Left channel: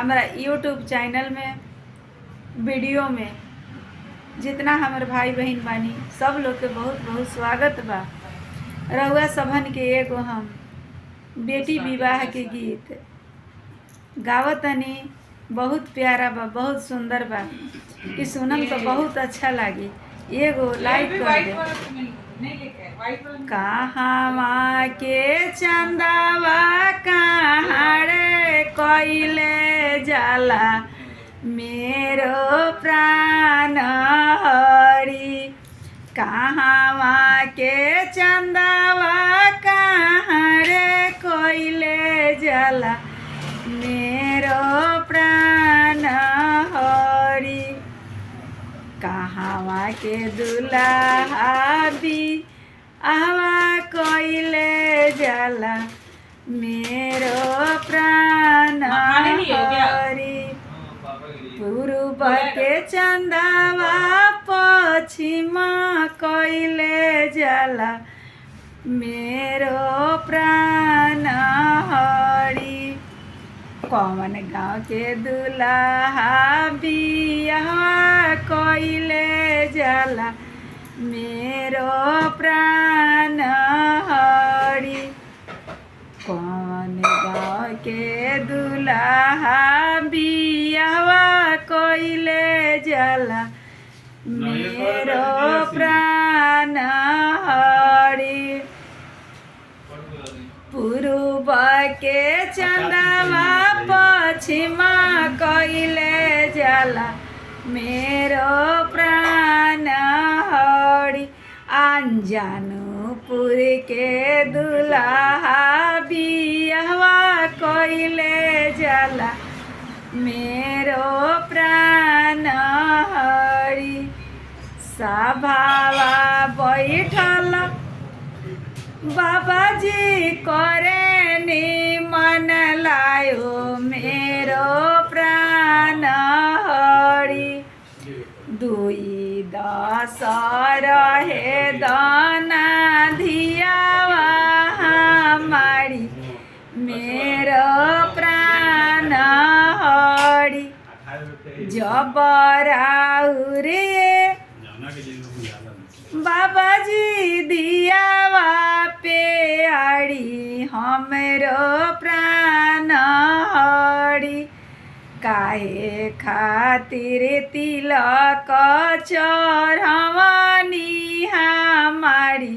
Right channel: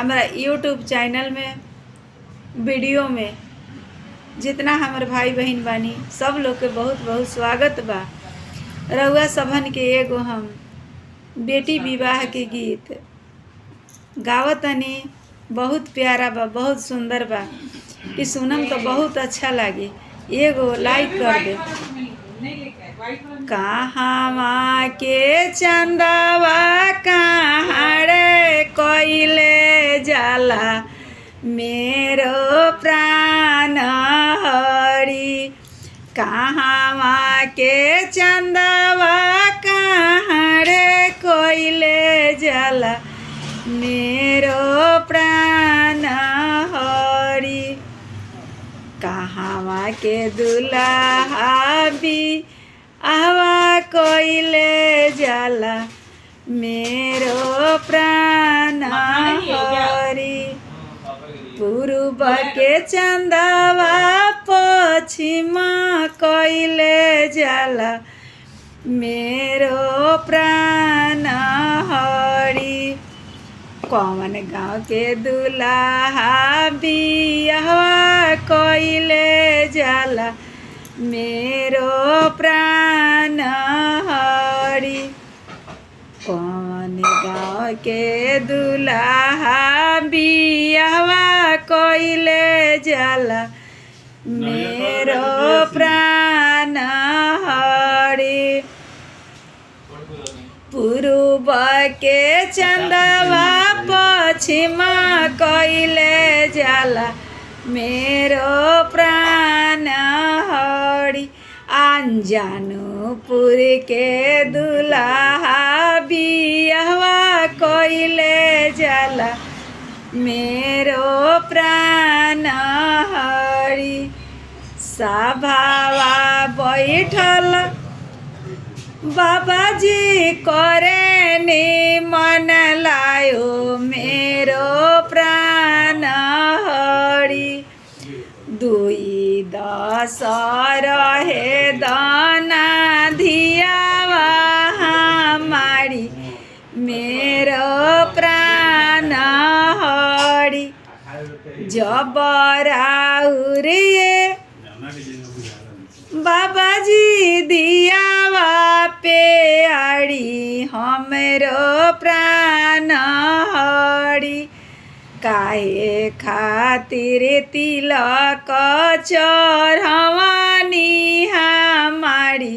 हमारा YouTube channel में video में जितना हमारे भाई बहन बानी सब लोग के बहुत बहुत स्वागत बा। रउआ सबन के एगो हम बेटी विवाह के गीत गावतनी, बहुत प्यारा बा, बहुत सुंदर बा कि सुनम तो बहुत अच्छा लागी। एगो लाइक कर दे। कहाँ के चंदावा कहाँ रे कोइले जाला मेरो प्राण हरि। कहाँ के चंदावा कहाँ रे कोइले जाला मेरो प्राण हरि। कहाँ के दुल्हा भी आवा कोइले जाला मेरो प्राण हरि। पूर्व के चंदावा पश्चिम कोइले जाला मेरो प्राण हरि। कौन गाँव के दुल्हा बियाहवा कोइले जाला मेरो प्राण हरि। कौन गाँव के दुल्हा बियाहवा कोइले जाला मेरो प्राण हरि। पूर्व के चंदावा पश्चिम कोइले जाला मेरो प्राण हरि। अंजानुपुर के दुल्हा बियाहवा कोइले जाला मेरो प्राण हरि। सभावा बैठल बाबाजी करे निमन लायो मेरो प्राण हरि। 2-10 रहे दाना धियावा हमारी मेरो प्राण हरि। जबराउरिए बाबाजी दियावा पे आड़ी हमरो प्राण हरि। काहे खातिर तिलक चढ़वनी हमारी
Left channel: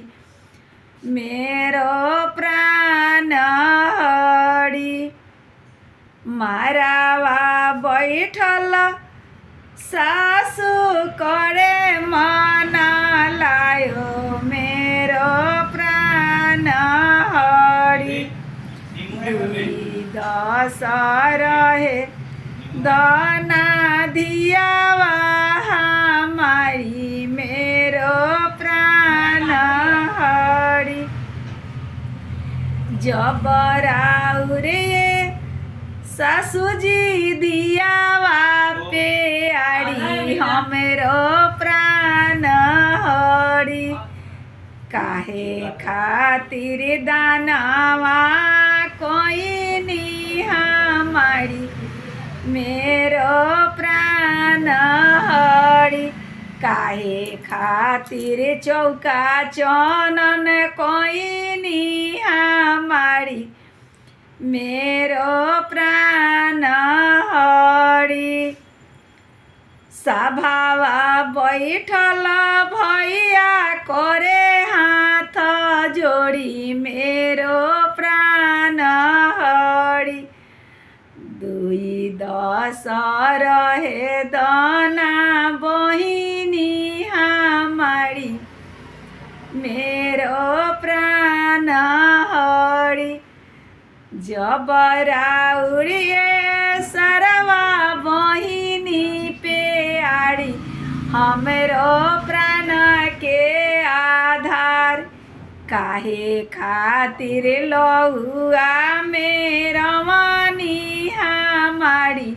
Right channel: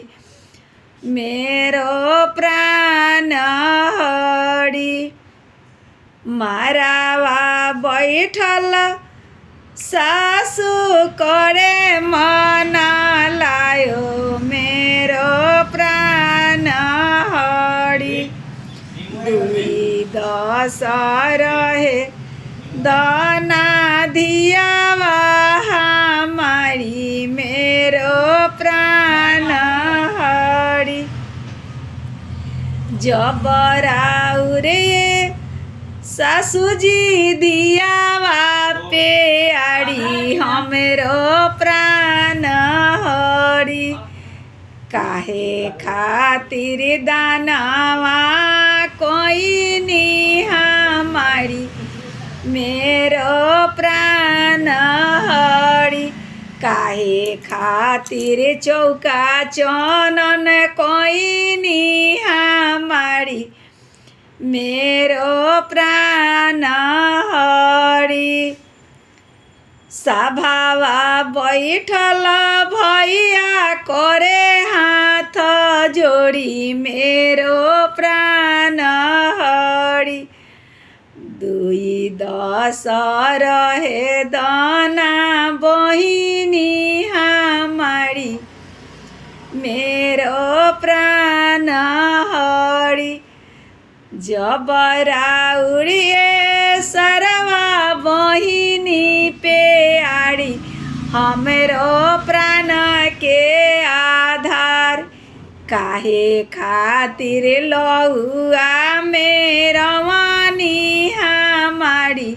मेरो प्राण हरि। मारावा बैठल सासु करे मन लायो मेरो प्राण हरि। 2-10 रहे दाना धियावा हमारी मेरो प्राण हरि। जबराउरे सासुजी दियावा पे आड़ी हमरो प्राण हरि। काहे खातिर दानवा कोई नी हमारी मेरो प्राण हरि। काहे खातिर चौका चनन कोई नी हमारी मेरो प्राण हरि। सभावा बैठल भैया करे हाथ जोड़ी मेरो प्राण हरि। 2-10 रहे दाना बहिनी हमारी मेरो प्राण हरि। जबराउरिए सरवा बहिनी पे आड़ी हमरो प्राण के आधार। काहे खातिर लहुआ मेरवानी हमारी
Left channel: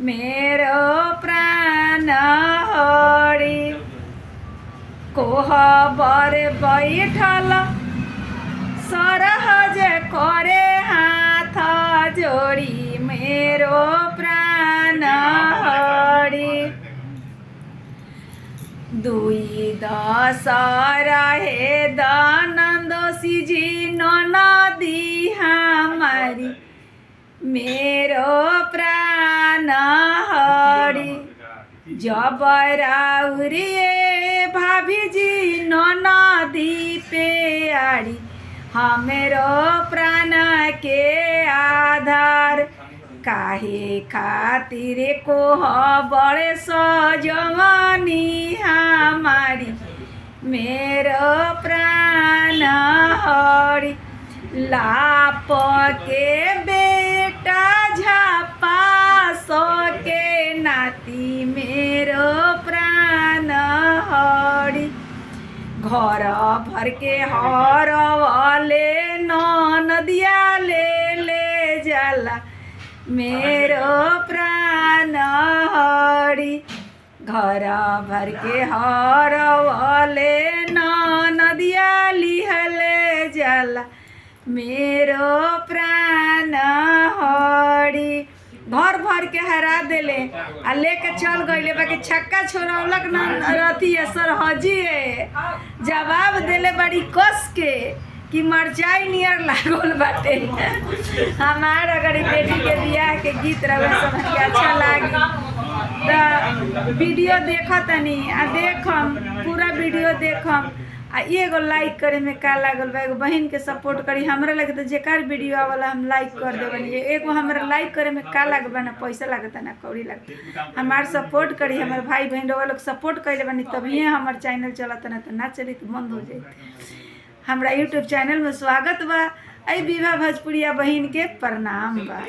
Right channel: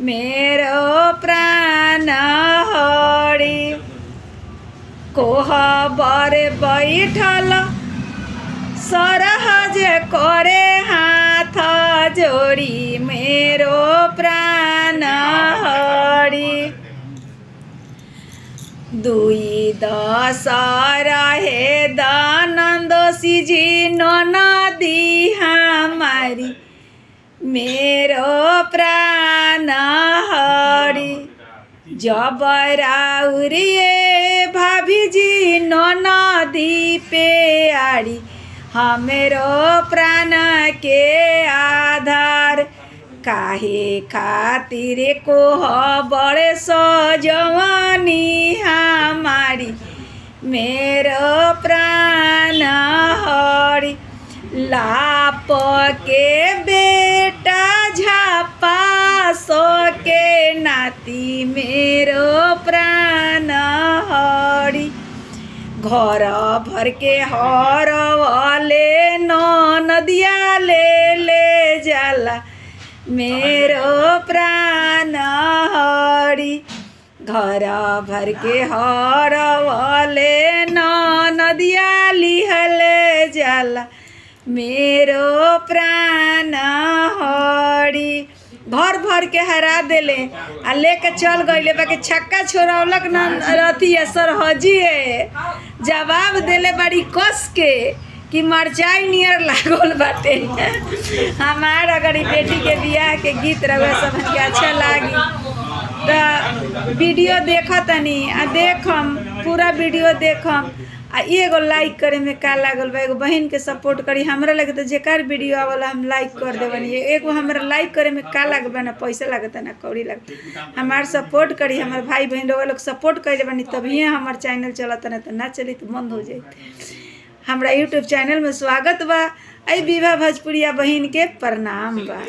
मेरो प्राण हरि। कोहबर बैठल सरहज करे हाथ हाथ जोड़ी मेरो प्राण हरि। 2 10 रहे दानंदोसी जी नदी हमारी मेरो प्राण हरि। जब राउरिए भाभी जी नदी पे आड़ी हमरो प्राण के आधार। काहे खातिर को बड़े सजवानी हमारी मेरो प्राण हरि। लाप के बेटा झापा सो के नाती मेरो प्राण हरि। घर भर के हर वाले नदिया ले जाला मेरो प्राण हरि। घर भर के हर वाले नदिया लिहले जाला मेरो प्राण हरि। भर भर के हरा देले आ लेके चल गईले बाकी छक्का छोड़ौलक न रती सरहजिए जवाब देले बड़ी कस के कि मरचाई नियर लागल बाटे। हमार अगर बेटी के बियाह के गीत रहे सब के अच्छा लागी तो वीडियो देखतनी आ देखम पूरा वीडियो देखम आ एगो लाइक करे में का लागल बा। एगो बहन के सपोर्ट करी हमरा लगे तो जेकर वीडियो आवला हम लाइक कर देबनी। एगो हमरा लाइक करे में का लागबा ना पैसा लागता ना कौड़ी लागता। हमार सपोर्ट करी हमार भाई बहन लोग सपोर्ट कइले बानी तभी हमार चैनल चलता ना तो ना चली तो बंद हो जाई। हमरा यूट्यूब चैनल में स्वागत बा। आई विवाह भोजपुरिया बहन के प्रणाम बा।